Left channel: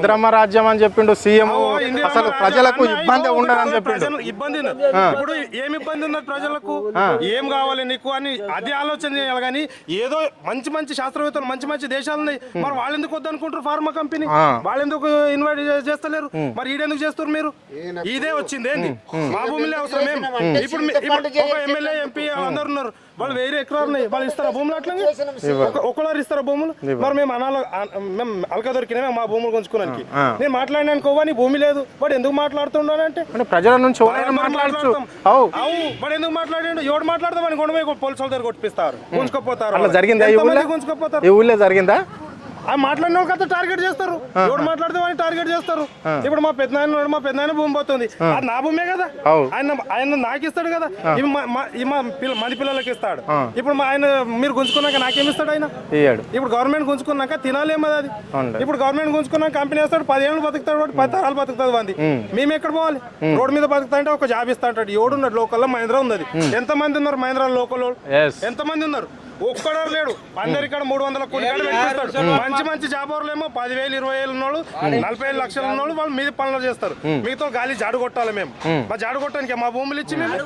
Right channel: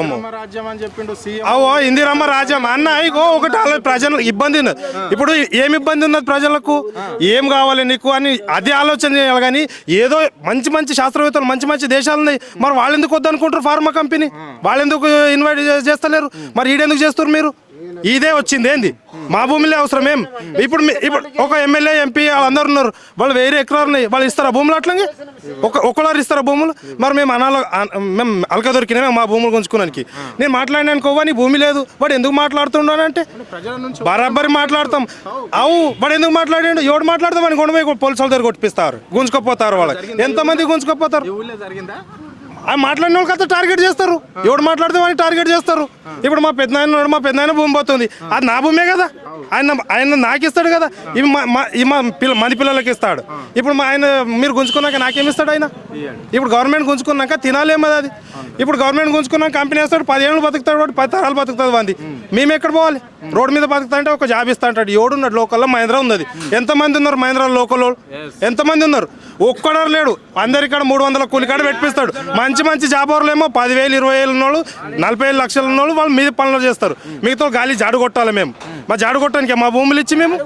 ఇందిరమ్మ రాజ్యం అని చెప్పిండు సీఎం. ఇందిరమ్మ రాజ్యం అన్న ఇగో ఒకటి ప్రజలు ఇబ్బంది ఉన్నది. ఇప్పుడు ఏమి ఇబ్బంది ఉన్నది ప్రజలకు, ఏం కావాలి నీకు అని అదే ఆలోచన చేయాలి. కానీ ఏదో మంచి మంచి శాస్త్రవేత్తలు మంచి మంచి దేశాలు ఉన్నాయి, మరి వాళ్ళు ఎందుకు వద్దు అనుకుంటారు? ఫార్మా కంపెనీ వాళ్ళు ఎందుకు ఇన్వైట్ చేస్తలేరు? మరి ఈడెందుకు చేస్తారు మీరు? ఇదే వచ్చింది ఏంది? మా భూమిలో అవసరం ఏం? ఇప్పుడు ఒక ఎమ్మెల్యే ఎంపీ వాళ్ళందరూ ఉన్నారు, వాళ్ళు వేరే ఎకరాలు ఉన్నాయి, వాళ్ళు ఇస్తారా భూములు? అట్లాగే ఒకళ్ళు ఇస్తారా భూములు? మరి మేము మేము అలక దొరికినా మా భూములు గుంజుకోవడానికి. నేను మాట్లాడినాను కోవా నీ భూమి లేదు, వాడు ఎందుకు మాట్లాడుతున్నానంటే ప్రజల నుంచి బరాబరి మాట్లాడతాం. వాడు ఎందుకు మాట్లాడాడు? ఎవడు మాట్లాడతాం అని కొండ పోలీసుల దగ్గర కొట్టిపిస్తారు, గుంజుకోపోతారు. ఎంతమంది గుంజుకోపోతారు? జరిగిందా? మాట్లాడిన వాళ్ళకి అంతా టార్గెట్ చేస్తారు. ఎవడు మాట్లాడితే వాడిని టార్గెట్ చేస్తారు. ఇప్పుడు మా పెద్దనాయన భూమి పోతుంది, అది నా భూమే కదా, ఆయన నాకు ఇస్తాడు కదా, మంది పిల్లలకి ఇస్తాడు. ఇప్పుడు ఆయన మీరు గుంజుకున్నాక నాకేమి ఇస్తాడు ఆయన? ఇప్పుడు గవర్నమెంట్ గుంజుకున్నాక తినాలేమది అది. ఇప్పుడు గవర్నమెంట్ గుంజుకున్నాక కంపెనీ వేస్తాడు, 10 ఏళ్ళు బతుకుతాడు, 10 తరాలు బతుకుతుంది మంది. మేము ఎక్కడ పోవాలి? రోడ్డు మీద బతుకుతా అంటే ఒక జాబ్ ఇస్తా అంటాడు. ఎవడున్నాడు లోకల్లో? మహేంద్ర ఉన్నది. ఎంతమంది ఉన్నారు మహేంద్ర లోకల్? ఎంతమంది ఉన్నారు? ఒక్కడారు లేడు. అందరికాడ 300 కూలికాడ పెట్టిస్తాడు. మంచి మంచి జాబర్లు ఏమో 10,000 20,000 ఉన్నోళ్ళు, 45 లక్షలు ఉన్నోళ్ళు వాళ్ళు మీద పనులు చేస్తారు. మిగతా గాలి జాడు కొట్టాలి మేము. మా జాడు కొట్టడానికి మా భూములు ఇచ్చి మేము